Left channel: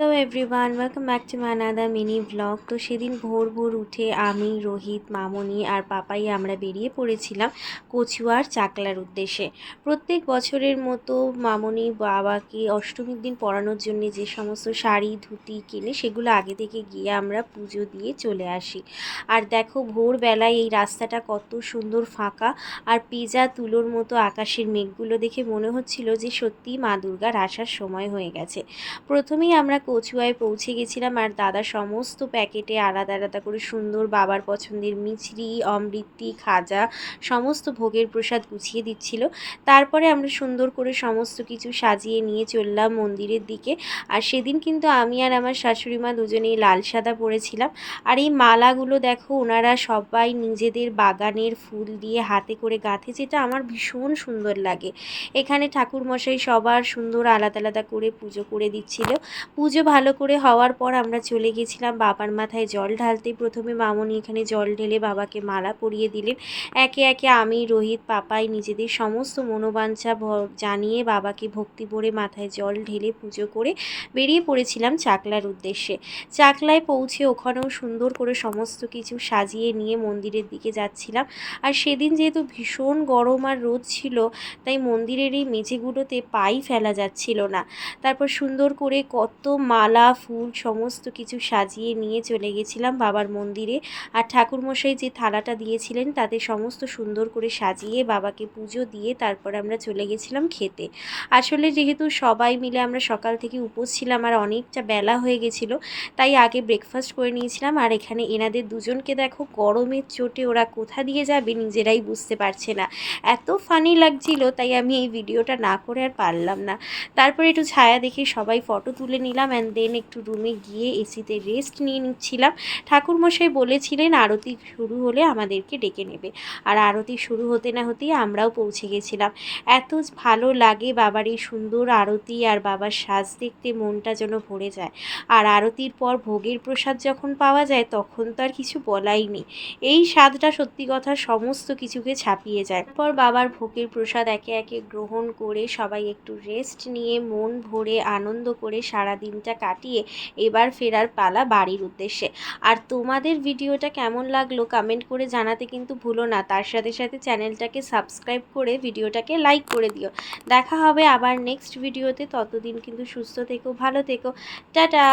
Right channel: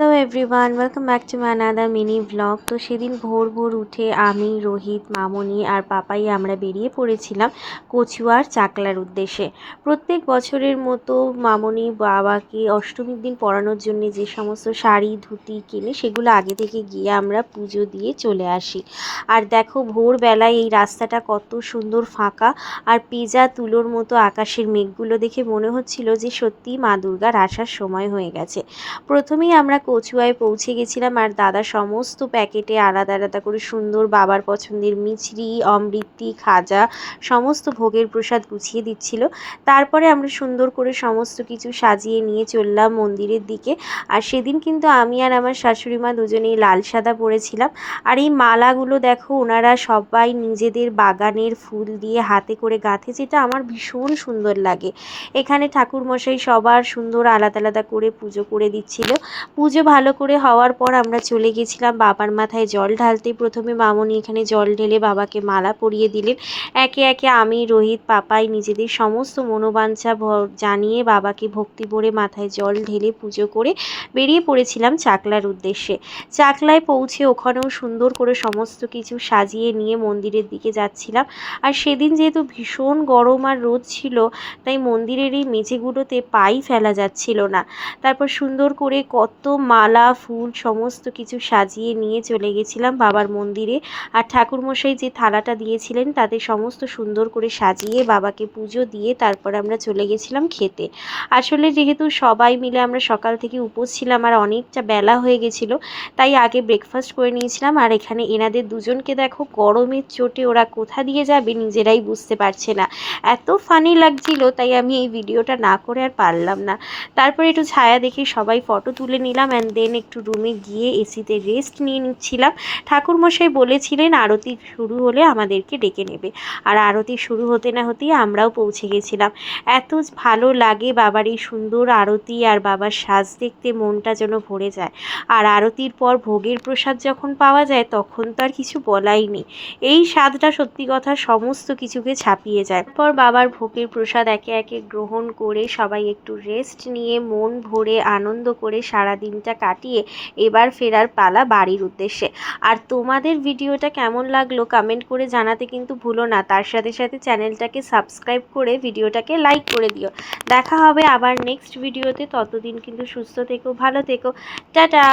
Hello everyone, welcome back to my another mini blog. তো সেদিন ভোর ভোর উঠে আমি, রোহিত, মামনি আর পাপাই আমরা বেরিয়ে পড়েছিলাম কচুয়ার চাকলার উদ্দেশ্যে। প্রত্যেক বছরের মতো মামনি বাবাকে অষ্টমীর দিন পরানোর জন্য যে সমস্ত শাড়ি ধুতি কিনে সেগুলো আগে থেকে গিয়ে আমরা পুজো দিয়ে চলে আসি। আর দেখো ভোরবেলায় এই রাস্তাটা কত সুন্দর ফাঁকা, আর পেঁজা তুলোর মতো আকাশের মেঘগুলো দেখে মনে হচ্ছিল যে সত্যিই মা দুর্গার আসার সময় হয়ে গেছে। প্রথমেই আমরা কচুয়ায় পৌঁছে গেছিলাম, আর দাদা সমস্ত প্যাকেটে আলাদা আলাদা করে সুন্দর বাবার পছন্দের মিছরি, অমৃতি, খাজা সমস্ত ভোগের প্রসাদ গুছিয়ে দিচ্ছিল। তারপরে আমরা সুন্দর করে সমস্ত কিছু সাজিয়ে নিয়ে চললাম মন্দিরের দিকে। আর সেদিন কিন্তু আমি আর আমার শাশুড়ি মা দুজনেই লাল সাদা পরেছিলাম। আর এই মালাগুলো দেখো ওনারা সবাই নিজেদের বাগানের ফুল দিয়ে হাতে করে গাঁথে, যেটা আমার ভীষণ সুন্দর লাগে। এখানে ঠাকুরমশাই সবার সুন্দর আলাদা আলাদা করে পুজো করে দিচ্ছিল। পুজো ভালো করে হওয়ার পর আমরা চলে গেছিলাম বাবার মাথায় জল ঢালতে। প্রথমে মামনি এখানে জল ঢেলে বাবাকে মালা পরিয়ে দিলেন। একে একে আমি, রোহিত, পাপাই নিজেদের সমস্ত মনোবাঞ্ছা জানিয়ে বাবাকে ভক্তি ভরে মাথায় জল ঢেলে পুজো করে বেরিয়ে পড়েছিলাম চাকলার উদ্দেশ্যে। চাকলায় পৌঁছে ওখানেও সুন্দর করে সমস্ত কিছু সাজিয়ে নিয়ে মন্দিরের দিকে যাচ্ছিলাম। আর সেদিন যেহেতু ভীষণ গরম আর রোদ ছিল, তাই মন্দিরের এই মেঝেগুলোতে পাই ফেলা যাচ্ছিল না। তারপর সুন্দর করে কত মালা ফুল সমস্ত কিছু সাজিয়ে নিয়ে চলে গেছিলাম বাবার মন্দিরে। আর ঠাকুরমশাই যে থালাটা দিয়েছিলেন তাতে সমস্ত সুন্দর করে সাজিয়ে বাবাকে পুজো দিয়ে তারপর আমরা চলে গেছিলাম খেতে। আসলে যেহেতু সবাই মিলে আমরা সকাল থেকে উপোস ছিলাম আর অনেকটা বেলা হয়ে গেছিলো, তাই আগে ব্রেকফাস্ট করে নিয়েছিলাম। আর এখানে এনাদের দুজনকে দেখো গরমের চোটে ওরা কোথা দিয়ে যাবে নিজেরাই বুঝতে পারছে না, এত ফানি লাগছিল, তাই আমি এই ভিডিওটা না করে আর পারলাম না। তারপরে একটু ছায়া দেখে সবাই ফটো তুলে নিলাম, অ্যান্ড দেন একটু রুমে গিয়ে এসিতে রেস্ট নিয়ে নিচ্ছিলাম। ঠাকুরমশাই বলেছিলেন আরতি শুরু হলে আমাদেরকে ডেকে নেবে, আর আরতি শুরু হতে না হতেই আমরাও পৌঁছে গেছিলাম। এত ভালো লাগে বাবার এই সুন্দর আরতি, আর বাবার সাজ দেখতে মনটা যেন ভরে যায়। আর আরতির পর ভোগের প্রসাদ যখন পাওয়া যায় তখন তো আর কিছু বলাই নেই। এই স্বাদটা সত্যি কথা সমস্ত কিছুকে ছাপিয়ে যায়। তারপর বাবার ভোগের প্রসাদ একে একে গ্রহণ করে সবাই একটু রেস্ট নিয়ে মন ভরে আনন্দ করে সারা দিনটা কাটিয়ে এবার ফেরার পালা বাড়ির উদ্দেশ্যে। আর তোমাদের ভিডিওটা কেমন লাগলো কমেন্ট করে জানাতে কিন্তু ভুলো না। তার সাথে সাথে চ্যানেলটাকে সাবস্ক্রাইব করে ভিডিওটাকে লাইক করে দিও। দেখা হবে আবার নেক্সট ভিডিওতে, ততদিন কিন্তু সুস্থ থেকো, ভালো থেকো, টাটা।